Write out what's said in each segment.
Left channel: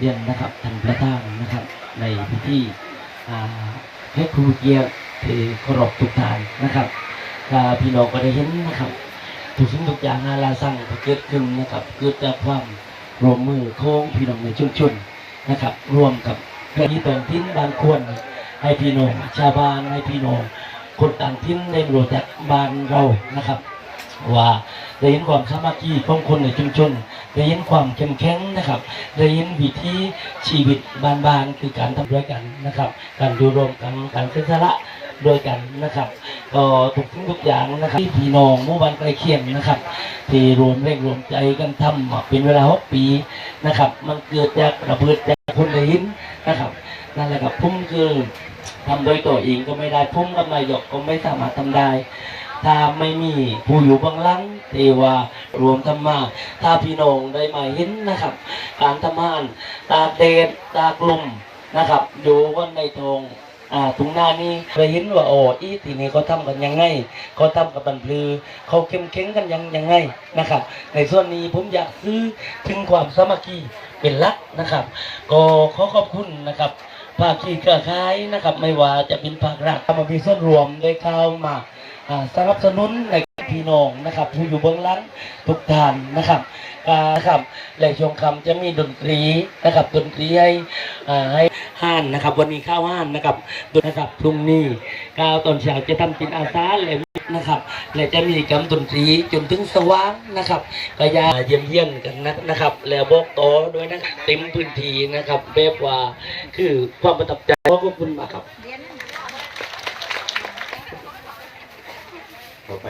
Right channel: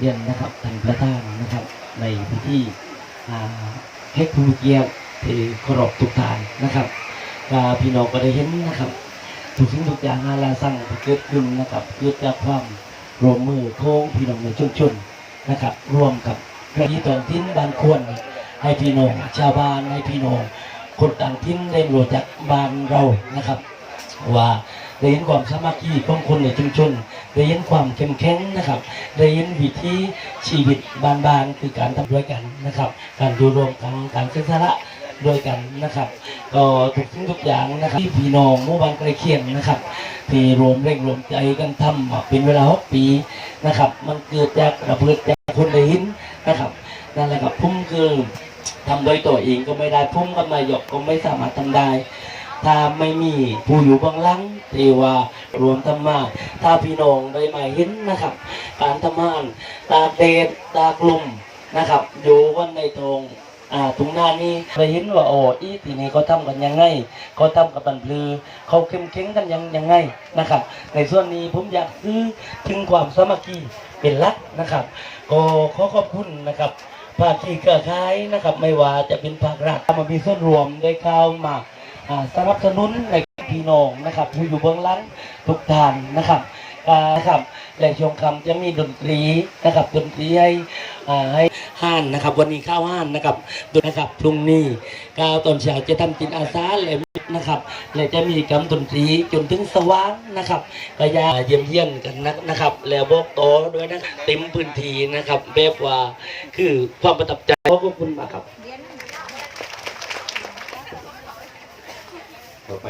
เรียนนะครับท่านประธานนะครับ ในพิธีอ่าเฮ็ดผู้เกียรติที่เคารพทุกท่านนะครับก็พี่น้องก็ได้เห็นนะครับทุกสิ่งทุกอย่างอาลาสั่งเกิดขึ้นนะครับเกิดจากความร่วมมือโค้งพี่น้องในชุมชนนะครับร่วมกับพี่ต่างถิ่นบางคนให้พี่น้องชาวบ้านให้พี่น้องคนต่างถิ่นได้รู้จักบ้านเรานะครับ ว่า ได้เห็นความสามัคคีของคนในชุมชนได้เห็นความเข้มแข็งนะครับได้เห็นวิถีชีวิตบานๆคือการทำด้วยกันนะครับ การดูรวมกันการเสียสละด้วยกันนะครับก็ทุกสิ่งทุกอย่างนะครับที่พี่น้องเมื่อวันใกล้เคียงนะครับ ที่รวมแรงรวมใจกันทำเป็นเวลาหกปีนะครับ มันเกิดจากระเบิดจากคนได้เห็นนะครับนั่นแหละครับพุ่มคือทำโดยตัวเองก็ไม่ได้พุ่มกับนายกก็ไม่สามารถทำได้ ถ้าไม่มีผู้อยู่บื้องหลังเทวารวมธรรมาถ้าพี่น้องได้มาเห็นนะครับ การทำงานตากแดตากลมนะครับอยู่วันในตรงอ่าตรงหน้านี้ได้เห็นว่าโอ้อีทีนี้เขาทำกันยังไงเขาทำกับตันพลือเขาเข้มแข็งกันยังยังไงนะครับ ในส่วนนี้ผมอยากซื้อถึงความสามัคคีเป็นลักนะครับ ก็ขอขอบคุณนะครับภาคีเครือข่ายนะครับ ไม่ว่าจะเป็นภาครัฐมามีส่วนรวมได้เข้ามา สนับสนุนในพี่น้องนะครับที่อยู่เบื้องหลังทุกท่านนะครับนะครับแหล่งชงคำจะมีดนตรีนะครับดนตรีให้ให้ห้านนะครับ วันนี้ข้าวห้านนะครับดนะครับพรุ่งนี้ก้าวตอนเช้าจะทำจิตอาสาและนะครับและจะมีกรรมดนตรีจนถึงสว่างนะครับก็ยาเยี่ยมเยี่ยมกันนะครับ แล้วบอกต่อด้วยนะเต็มพื้นที่นะครับแบบว่าคือความประทับใจขอบคุณมากครับ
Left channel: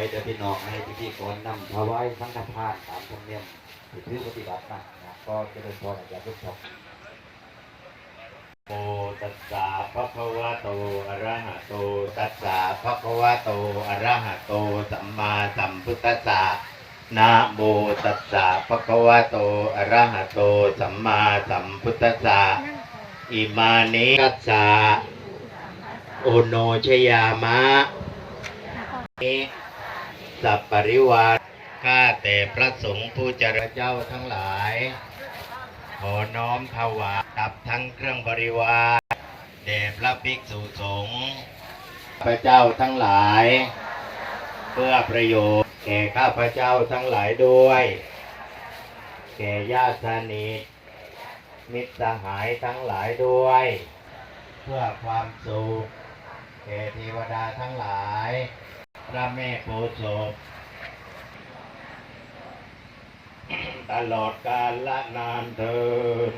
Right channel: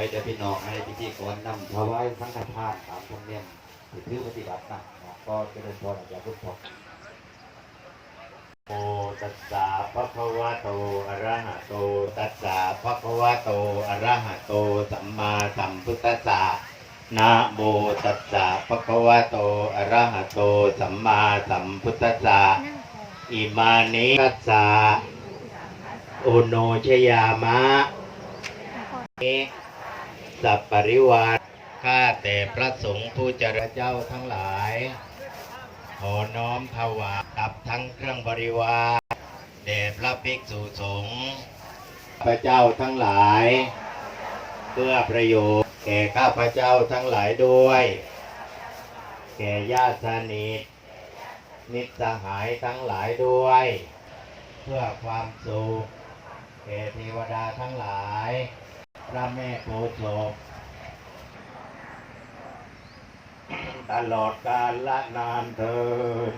ต่อไปจะพี่น้องให้พิธีกรนำถวายสังฆทานตามธรรมเนียมที่ถือปฏิบัตินะก็จะเป็นพรจากพุทธโตตัสสะภะคะวะโตอะระหะโต ตัสสะภะคะวะโตอะระหะโต สัมมาสัมพุทธัสสะนะโมตัสสะภะคะวะโตอะระหะโต สัมมาสัมพุทธัสสะอิมานิกัสสะโอโนชยามะ สัพปริวารข้าแต่พระสงฆ์ผู้เจริญเจ้าทั้งหลาย ขอน้อมถวายตับทั้งเครื่องบริวารแด่พระภิกษุสงฆ์พระเจ้าทั้งหลาย เพื่อประโยชน์แก่ข้าพระเจ้าทั้งหลายด้วย แก่ญาติสนิทมิตรสหายทั้งหลายด้วย เพื่อความสุขแก่เทวดาทั้งหลาย พระแม่โพธิ์ศพตลอดกาลละนานเทิน